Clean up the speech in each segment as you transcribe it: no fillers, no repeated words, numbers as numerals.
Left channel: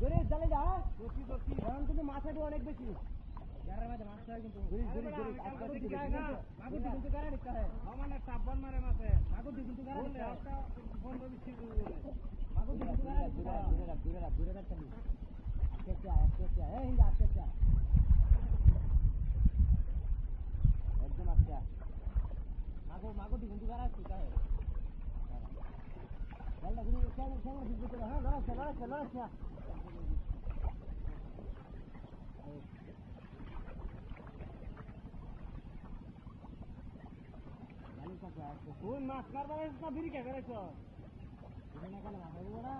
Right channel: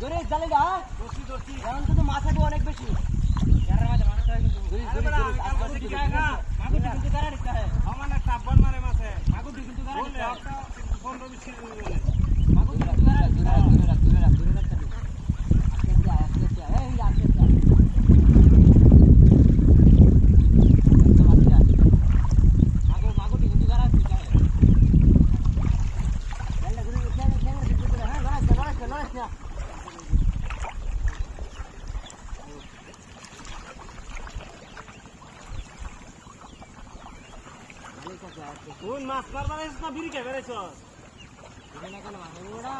ধরে জালে গা দর্শি এখন তো মাছাটা অনেক বেশি যারা মাছটা কিন্তু মাগুর কিন্তু গারা দিতে হয় আমানে সাবন মারে মাছে মাগুর কিন্তু গারা দিতে হয় 15 20 কিলো মাগুর কিন্তু গারা দূরে রাখতে দিই আস্তে এই আস্তে মাগুর কিন্তু গারা দিতে হয় লাল্লা গুলো খেয়ে হ্যাঁ লড়াইছ না কোন মাছ মারবার এসে না বিড়ি কে বেরেছ বিড়ি না কেন মাছ ওড়া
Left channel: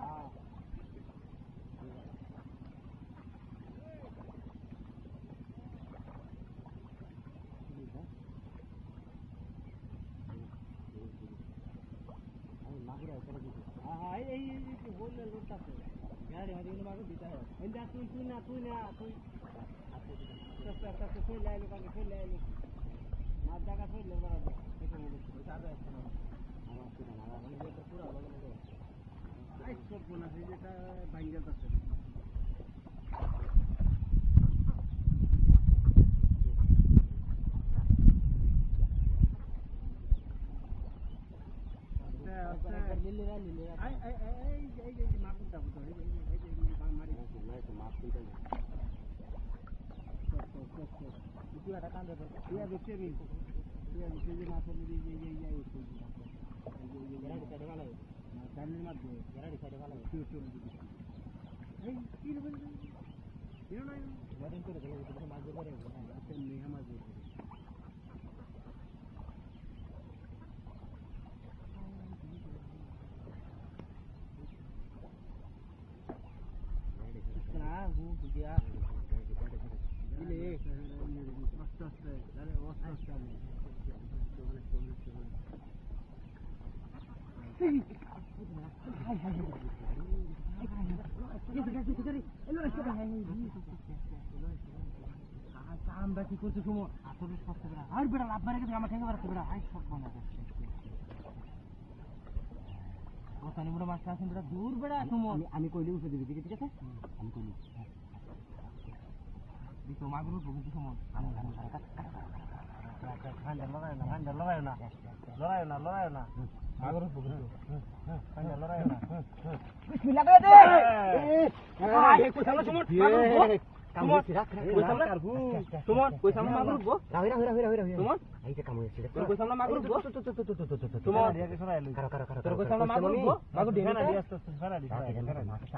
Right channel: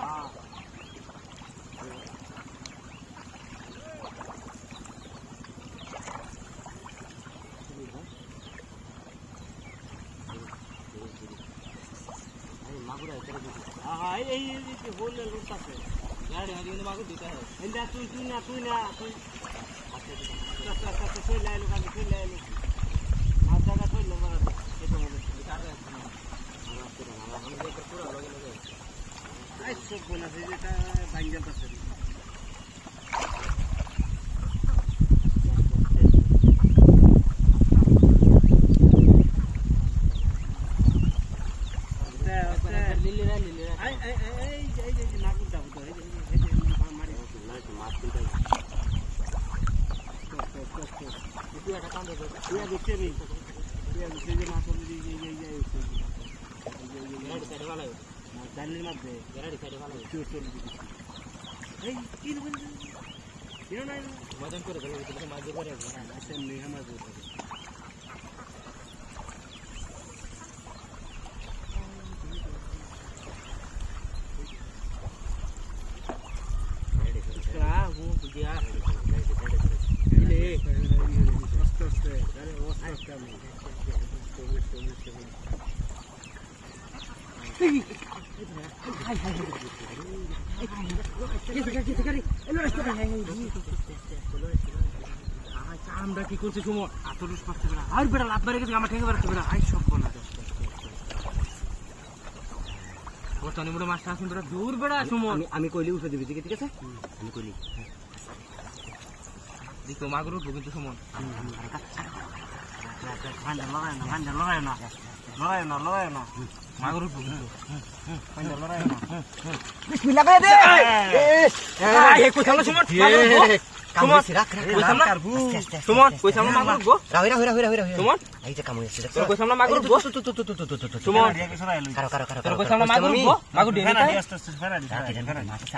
মাগুরা এখানে দিতে হ্যাঁ এই হোলে লুট আছে গাড়ি হারিয়ে কিন্তু মাগুর দিতে হয় এন্ডা তুই আচ্ছা তুই লাইলো কাছে তুই লাইলো মাছ জায়গা তুই লবার আছে এটা বলে এটা আর আছে না আর আছে না আমরা দেখে পুরো লগে আই সব কোনা যেটা ভাঙ্গা আছে লিলিরা এই মাগুর দাও তো এই মারি মাছ কিনতে তুই একটা কাম দে তুই দেখতে নি তুই দেখতে যে মাছ বলি এই সাইডে ভালো না জানলির মধ্যে গেরাড়ি সাইডে ভালো চল এই কি বলছিস কিনো নাই মদন করে গেল তো মাছ ধরে না আচ্ছা নেই মাছ ধরে Ya, ini, astaga, dari astaga kami. আমরা কি করছি সুমো আতরুস পাচ্ছে না আর বেড়া লাভ মারে গেছে আমার ঠেঙ্গে বেড়াচ্ছে বেড়া আই সব কোনা বর্তমানে মোটা মাছটা আসুন বেড়া দূর বেড়া সুমো আমি কইলি উঠে দিবি ঠিক আছে আমি কইলি দেখো মাগুর উঠবো কিন্তু সুমন লড়াই না মাগুর উঠবো কিন্তু লড়াই না বিসমিল্লাহ করে দে এই কই থামলো সুমন সুমন কই থামলো মাগুর উঠবো রাহিরা সুমন এই যে কাম হইছে কই থামলো মাগুর উঠবো সুমন কারো কই থামলো মাগুর উঠবো মাগুর দিয়ে নিতে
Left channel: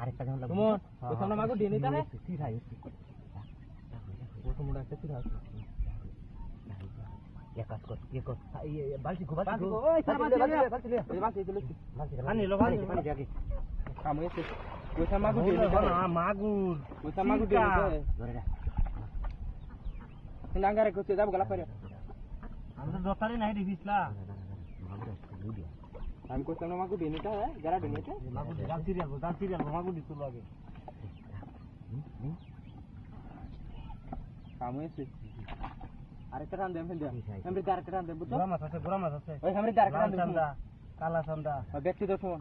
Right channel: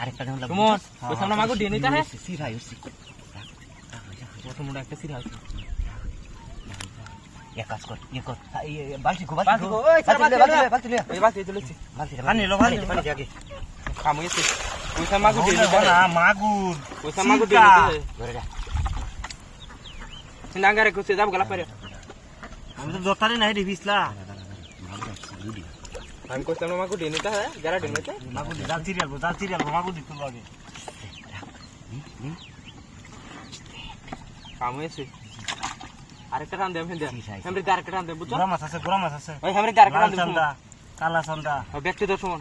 আরেকটা সুমন কই থামলো মাগুর দিয়ে নিতে হ্যাঁ সিরাই হইছে কত মোটা একটা সিরা আছে এক কাজ কর বালতি ওই বালতি লে এই বালতি তুলেছি বালতি পানি আগে কাম হইছে কইসা মাগুর দিলে না মাগুর কইসা মাগুর দিলে ধরে যা সিনাঙ্গারে কইছে যাব গলা পারে আমি তো জতারি নাই রে বিসলা আমি কইসা মাগুর দিনে তা যারা দিনেতে মাগুর জাল সিরিয়াল মাগুর দিতে লাগে কাম হয়েছে আরেকটা টান দে হেমরি আরেকটা টান দে বুঝছো গোরা মাছ আছে ওই হেমরি আরেকটা টান দে কালা চন্দা ব্যক্তি দর্শন